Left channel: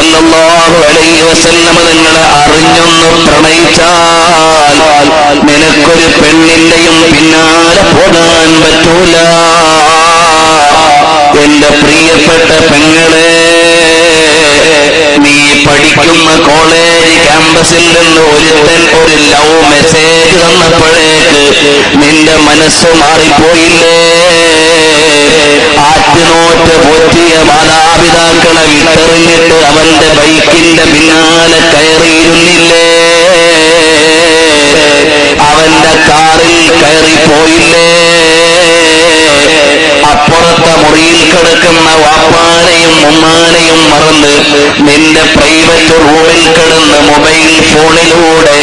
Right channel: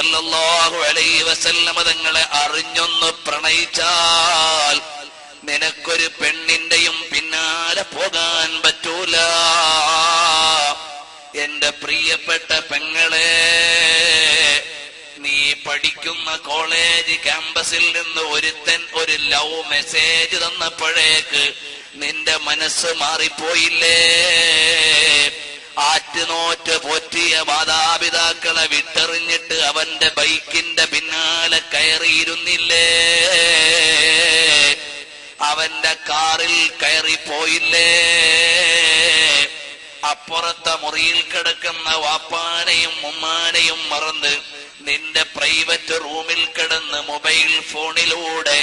സല്ലല്ലാഹു അലൈഹി വസല്ലം തങ്ങളെ അറിഞ്ഞൊന്ന് പ്രണയിച്ചാൽ നിനക്കൊരു പെണ്ണിന്റെയും പിന്നാലെ പോകാൻ പറ്റൂല. എന്റെ പ്രിയപ്പെട്ട പെങ്ങളെ, നീ പഠിക്കുന്ന കോളേജ് ക്യാമ്പസിൽ നിന്ന് ഒരുത്തൻ ഒരു ലവ് മെസ്സേജ് തന്നപ്പോഴേക്ക് നിന്റെ മനസ്സ് മാറിപ്പോയില്ലേ? ആറ്റുനോറ്റ് പോറ്റിയ മാതാപിതാക്കളെ വിട്ടെറിഞ്ഞിട്ട് അവന്റെ ബൈക്കിന്റെ പിന്നാലെ കയറിയിരുന്നില്ലേ? അവന്റെ കാറിൽ കയറിപ്പോയില്ലേ? അപ്പുറത്തെ മുറിയിൽ കിടക്കുന്ന വാപ്പാനെയും ഉമ്മാനെയും മറന്ന് നിന്റെ പ്രൈവറ്റ് റൂമിൽ കിടന്ന് മൊബൈൽ ഫോണിലൂടെ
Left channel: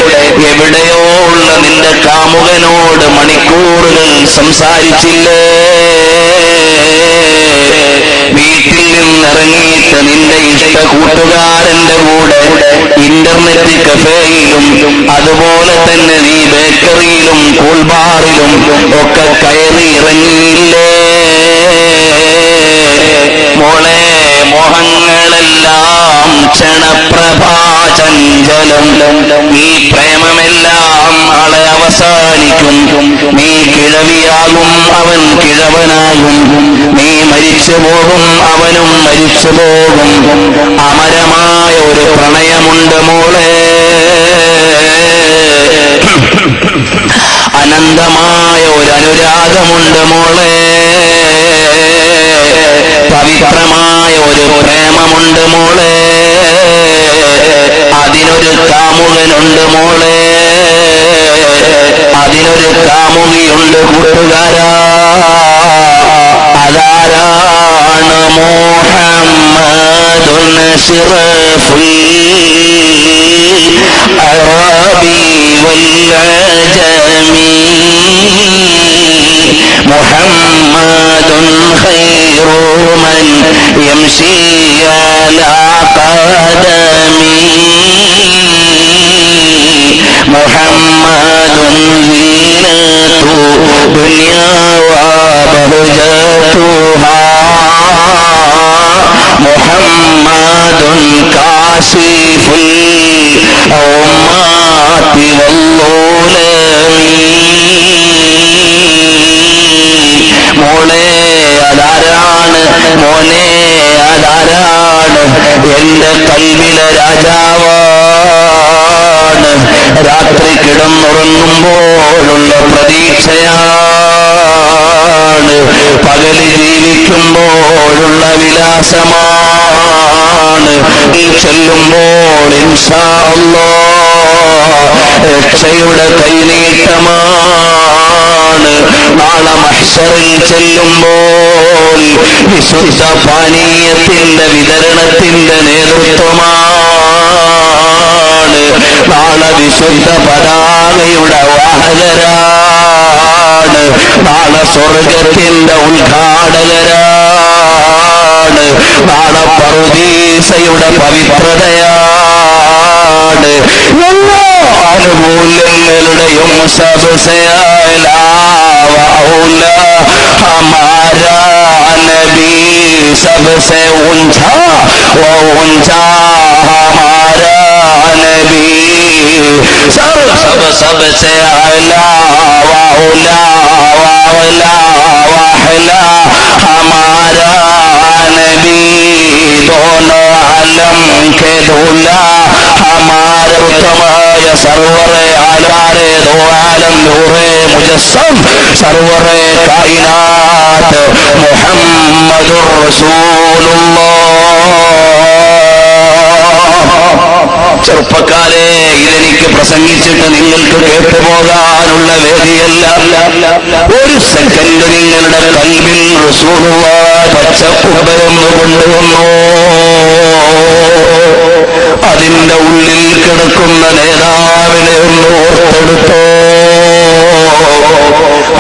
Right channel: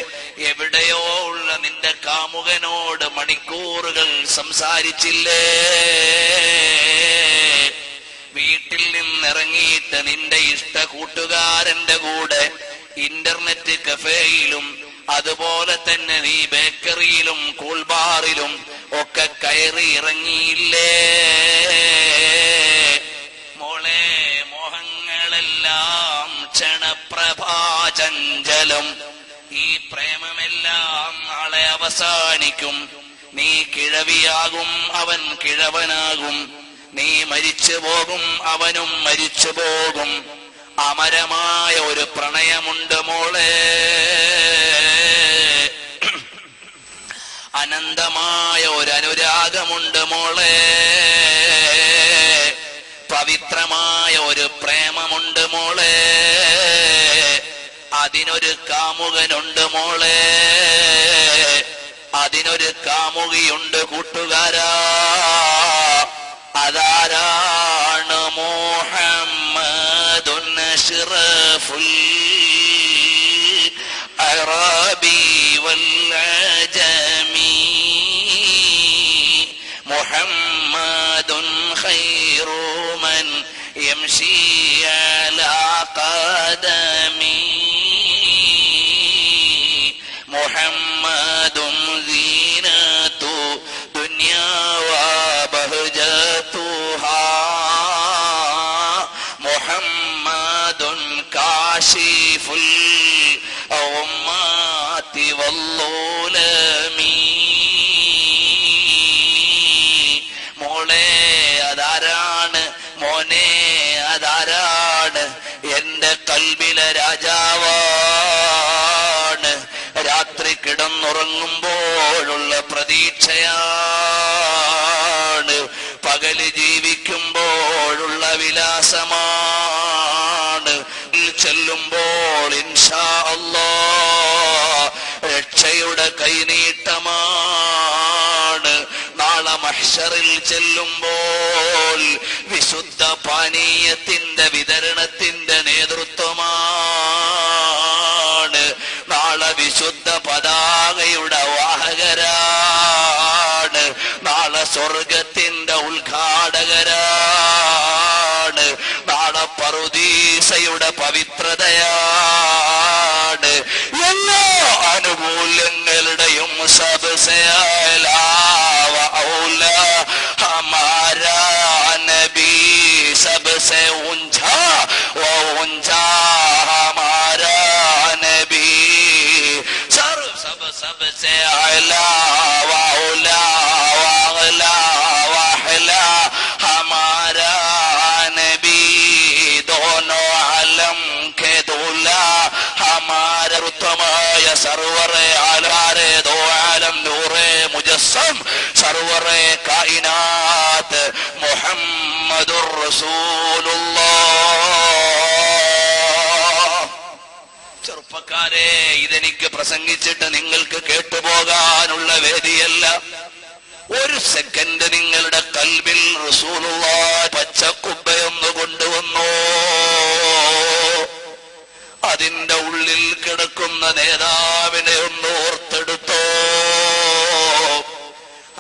എവിടെയോ ഉള്ള നിന്റെ കാമുകനോട് മണിക്കൂറുകൾ സംസാരിച്ചില്ലേ? വീട്ടിൽ നിന്നിറങ്ങിയിട്ട് നിന്റെ ഇഷ്ട കൂട്ടുകാരന്റെ കൂടെ ഇന്റർനെറ്റ് കഫേയിലും അതുപോലെ തന്നെ നീ ബേക്കറിയിലും കൂൾബാറിലും ഒക്കെ കയറി ഇറങ്ങിയില്ലേ? മോളെ, മോഹങ്ങളെല്ലാം ക്ഷണപ്രഭാചഞ്ചലം. ഈ പ്രേമമെല്ലാം നാളെ അവസാനിക്കും. നീ കിഴവിയാകും, അവൻ കിഴവനാകും. നീ മരിച്ചു പോകും, അവനും മരിച്ചു പോകും. അമരമായ ഒരു പ്രണയമുണ്ട് മോളെ, അനന്തമായ ഒരു അനുരാഗമുണ്ട് മോളെ, പവിത്രമായ ഒരു പ്രേമമുണ്ട് മോളെ, അതിനൊരു കാമുകനുണ്ട് മോളെ, അതിനൊരു കാമുകിയുണ്ട് കൂട്ടുകാരാ. അതാരാണ്? മുഹമ്മദുൻ അശ്റഫുൽ അറബി വൽ അജമി, മുഹമ്മദുൻ ഖൈറു മൻ യംശി അലാ ഖദമി, മുഹമ്മദുൻ സീനത്തു ദുനിയാ വബഹജതുഹാ, മുഹമ്മദുൻ കാശിഫുൽ ഉമ്മാതി വല്ലുലമി. മോളെ, അതാരാണ്? മോനെ, അതാരാണ്? എന്റെ കൽവിലെ രാജാവാണ്. രാത്രി കിടന്നുറങ്ങുമ്പോഴുള്ള പ്രതീക്ഷയാണ്, പകല് ജീവിക്കുമ്പോഴുള്ള വിലാസമാണ്. നീ ചെല്ലുമ്പോൾ ഇൻഷാ അല്ലാഹ് രക്ഷയുടെ കൈനീട്ടമാണ്. നാളെ മഹ്ശറിൽ ചെല്ലുമ്പോൾ വിശുദ്ധ പാനീയത്തിന്റെ വിതരണത്തിന്റെ നേതൃത്വമാണ്. നാളെ വിശുദ്ധ പതാകയുടെ വാഹകരാണ്. നാളെ സ്വർഗത്തിന്റെ ഉദ്ഘാടകരാണ്. നാളെ പറുദീസയുടെ പവിത്രതയാണ്. എല്ലാ ആനുകൂല്യങ്ങളുടെയും ഹമാരാ നബി सबसे ऊंचा वो ऊंचा हमारा नबी, सबसे आला वाउला वाउला वाहला हमारा नबी, दोनों आलम के दूल्हा हमारे उत्तमाय सरवरे आलारे दो आलम नूरे मुजस्सम सरवरे कायनात मुहम्मदुर റസൂലുള്ളാഹ്. ചെറുപ്പക്കാരെ, ഇതെനിക്ക് പ്രസംഗിച്ചിട്ട് നിങ്ങൾക്ക് കേട്ടുപോകാനുള്ള വേദിയല്ല. ഒരു സെക്കൻഡ് നിങ്ങളുടെ കൽവിൽ റസൂലുള്ളാഹ് പച്ചപ്പുറമൊന്ന് കൊണ്ടുവന്നു. അതിന്റെ ഉള്ളിൽ കിടക്കുന്ന നേതാവിനെ ഒന്ന് ഓർത്തെടുത്തോ.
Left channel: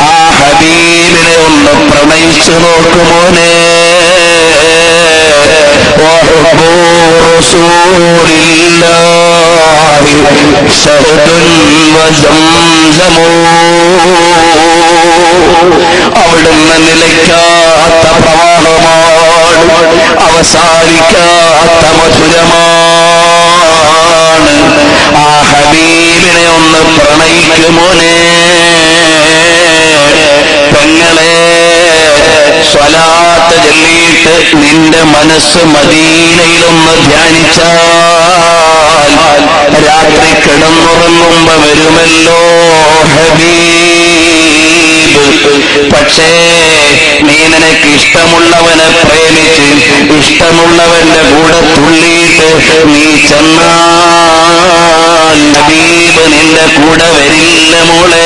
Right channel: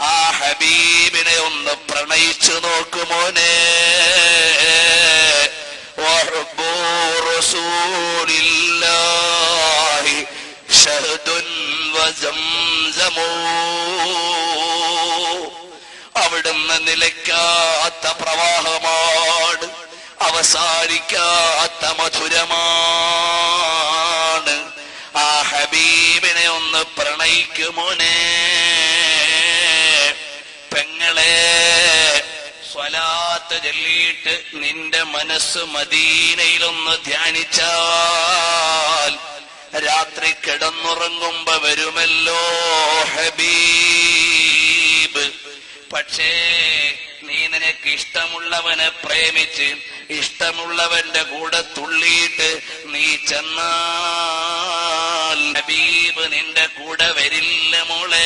ആ ഹബീബിനെ ഒന്ന് പ്രണയിച്ചു നോക്കുമോനെ. رسول الله شهد وزمزم, അവിടുന്ന് നിലയ്ക്കാത്ത പ്രവാഹമാണ്, അവസാനിക്കാത്ത മധുരമാണ്. പെങ്ങളെ, സ്വലാത്ത് ചൊല്ലിയിട്ട് നിന്റെ മനസ്സ് മദീനയിലൊന്ന് ധ്യാനിച്ചാൽ രാത്രി കിടന്നുറങ്ങുമ്പോ വരുമല്ലോ ഹബീബ്. പക്ഷേ നീ നിനക്ക് ഇഷ്ടമുള്ളവനെ പ്രേമിച്ച് ഇഷ്ടമുള്ളവന്റെ കൂടെ തുള്ളിയിട്ട് നീ ചെന്നാൽ ഹബീബ് നിന്റെ കൂടെ വരില്ല മോളെ.